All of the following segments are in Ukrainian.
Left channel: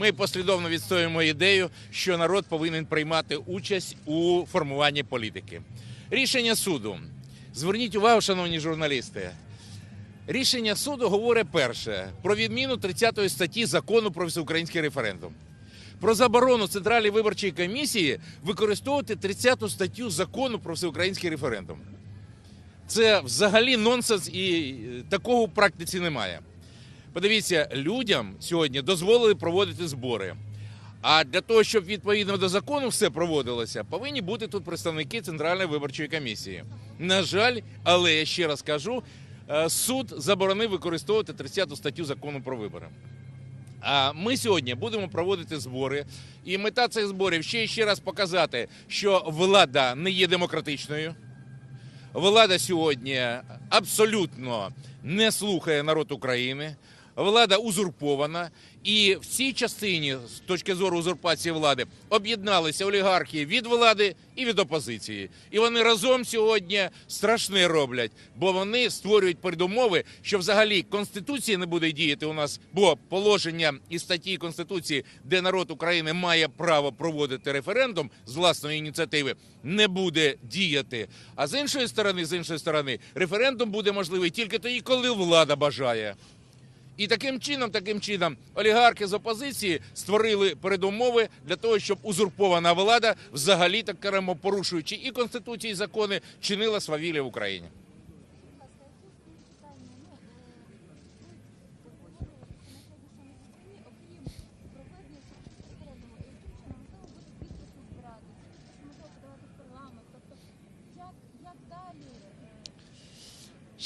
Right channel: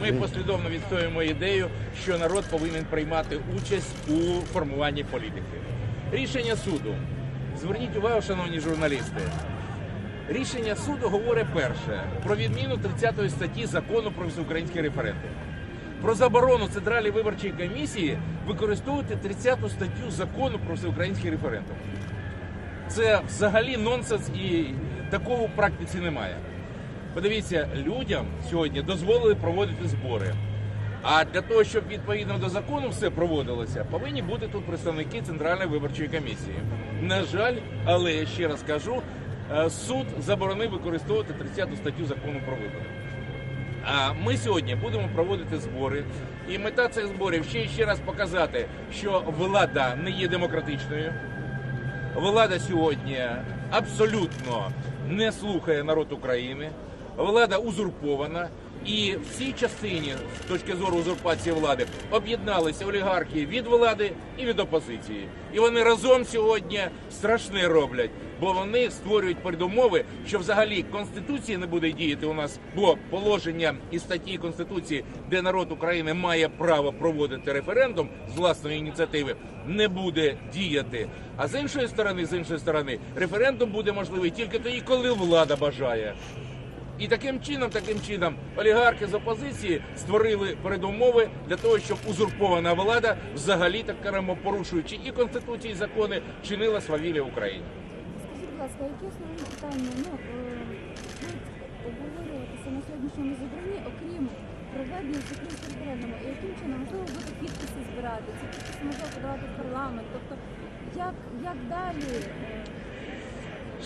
Ми послідовно відстоюємо ідею, що народ повинен приймати участь у формуванні політики. Рішення суду. Зверніть увагу, шановні журналісти. Рішення суду говорить перше про відміну 30 статті закону про всеукраїнський референдум. Про заборону Центральної виборчої комісії використовувати 30 статтю закону про всеукраїнський референдум. Це взагалі нонсенс і такого в практиці немає. Подивіться, людям сьогодні дозволили проводити збори. А для того, щоб відповідно до закону все проводилося, повинні бути тут представники Центральної виборчої комісії. На жаль, але я ще раз кажу, е, суд заборонив використовувати 30 статтю закону про вибори. А ми сьогодні будемо проводити збори, і мета цих зборів ще і ще раз показати, що влада не є демократичною. Влада сьогодні абсолютно не слухає народ України. Влада узурпована, і в цій частині, з точки зору узурпації влади, об'єдналися олігархи від влади і від опозиції. І вони разом сьогодні страшне роблять, бо вони створюють передумови, що взагалі конституція не буде діяти у нас, бо положення і статті конституції, де народ України має право проводити референдум з власної ініціативи, не буде діяти. А з іншої сторони, з іншої сторони, референдум буде можливий тільки тоді, коли влада бажає. І таким чином, таким чином, олігархи з опозиції створили передумови для того, щоб узурпована влада, взагалі так кажемо, порушуючи і конституції, і закони, чинила свавілля Україні. Скажіть, будь ласка, які основні питання ну, е, обговорюватися на сьогоднішньому зібранні, окрім проведення всеукраїнського референдуму? І яким чином можливо буде підписи збирати? Ці підписи можливо подавати в парламент? Тобто, як, як далі?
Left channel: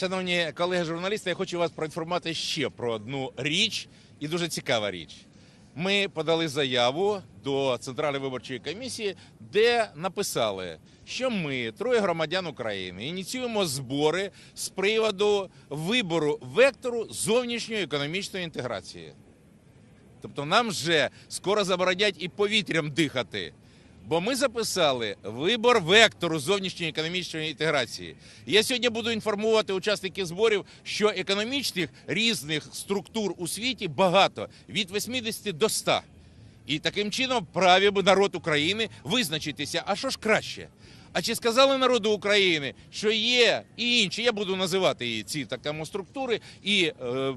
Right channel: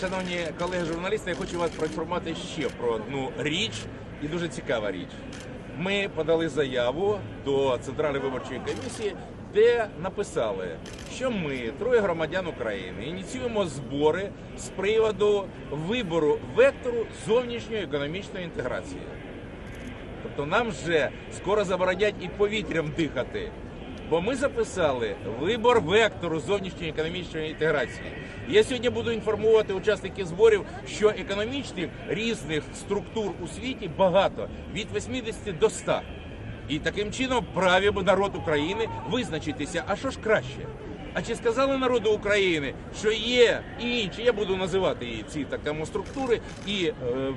Шановні колеги журналісти, я хочу вас проінформувати ще про одну річ і дуже цікава річ. Ми подали заяву до Центральної виборчої комісії, де написали, що ми, троє громадян України, ініціюємо збори з приводу вибору вектору зовнішньої економічної інтеграції. Тобто нам вже скоро заборонять і повітрям дихати. Бо ми записали вибор вектору зовнішньої економічної інтеграції. Я сьогодні буду інформувати учасників зборів, що економічних різних структур у світі багато від 80 до 100. І таким чином праві народ України визначитися, а що ж краще? А чи сказали народу України, що є і інші, я буду називати її ці такому структури, і е,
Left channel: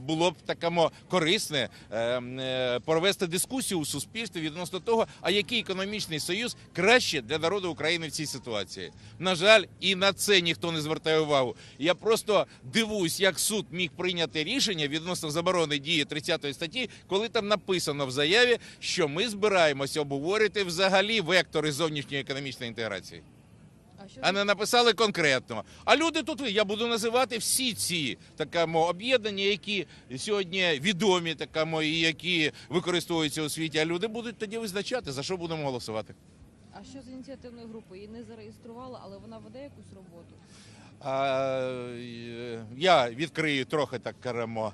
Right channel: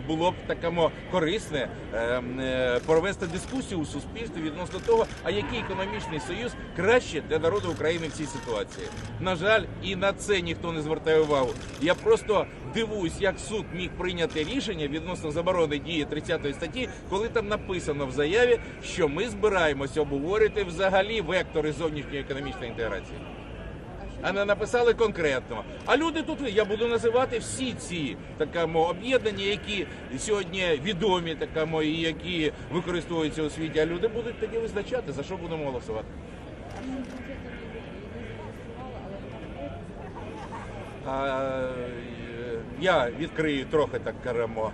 було б такому корисне е, е, провести дискусію у суспільстві відносно того, а який економічний союз краще для народу України в цій ситуації. На жаль, і на це ніхто не звертає увагу. Я просто дивуюсь, як суд міг прийняти рішення відносно заборони дії 30 статті, коли там написано в заяві, що ми збираємося обговорити взагалі вектори зовнішньої економічної інтеграції. А не написали конкретно. А люди тут я буду називати всі ці такому об'єднання, які сьогодні відомі, такому і які використовуються у світі. А люди будуть тоді визначати за що будемо голосувати. А що з ініціативної групи не зареєстрували, але вона буде я відкрию трохи так кажемо.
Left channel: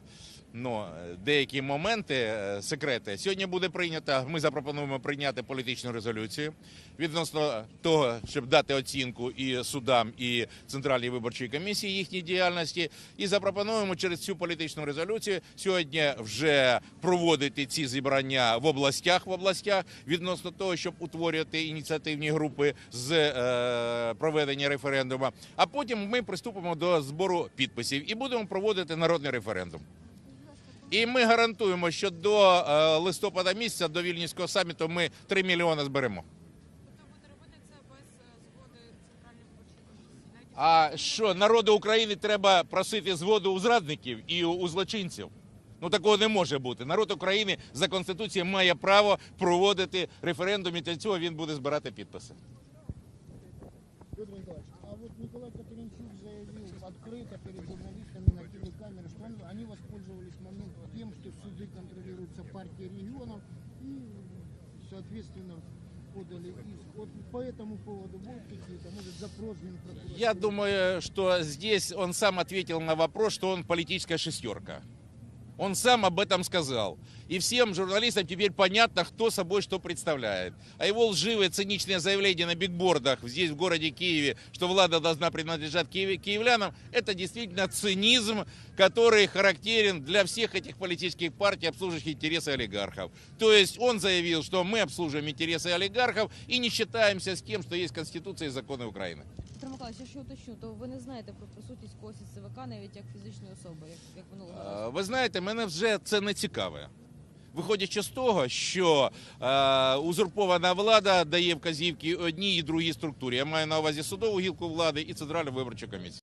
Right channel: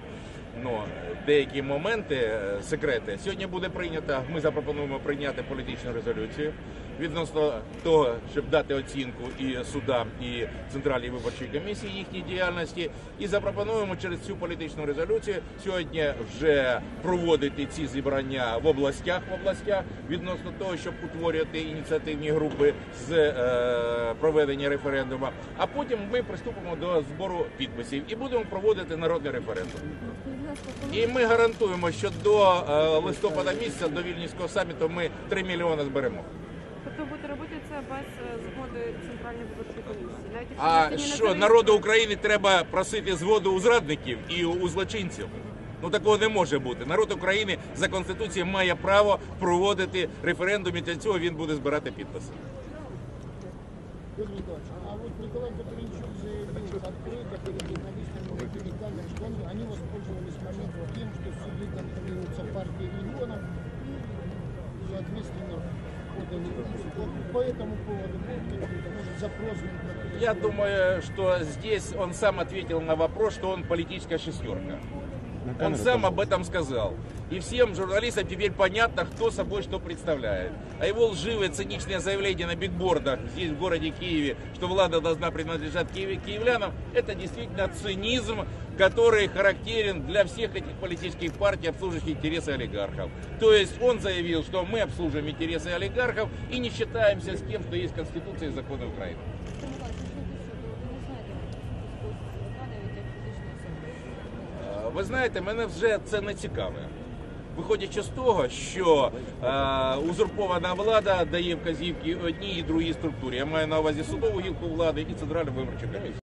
Ну, деякі моменти, е, секрети. Сьогодні буде прийнята. Ми запропонуємо прийняти політичну резолюцію відносно того, щоб дати оцінку і судам, і центральній виборчій комісії їхній діяльності. І запропонуємо через цю політичну резолюцію сьогодні вже проводити ці зібрання в областях в областях відносно того, щоб утворювати ініціативні групи з е, проведення референдуму. А потім ми приступимо до збору підписів і будемо проводити народний референдум. І ми гарантуємо, що до е, листопада місяця, до Вільнюського саміту, ми 3 мільйони зберемо. Тобто будете робити це без е, згоди центральної виборчої комісії. Навіть якщо А не що народу України треба просити згоду у зрадників і у, злочинців? Ну такого не може бути. Народ України за конституцією має право проводити референдум, і для цього він буде збирати підписи. Николаевич, по этому поводу будет может, запрос? Я думаю, что здесь он сам ответил на вопрос, что он политическая шестерка. Он сам об этом сказал. И всем журналистам теперь понятно, кто собой что представляет. А его лживое, циничное заявление на бигбордах здесь, в городе Киеве, что влада должна принадлежать киев- киевлянам, это действительно цинизм, который характерен для всех этих политических партий, обслуживающих интересы олигархов. То есть он заявил, что мы обслуживаем интересы олигархов и не считаемся с тем, что есть Конституция и законы Украины. Віктор Миколаївич, щодо що, то ви не знаєте суті спосіб ЦВК навіть як фізичної особи. як Е, Ви знаєте, мене вже це не цікаве. Виходячи з того, що е, узурпована влада дає вказівки одній і другій структурі. Я маю на увазі судову гілку влади і центральну виборчу комісію.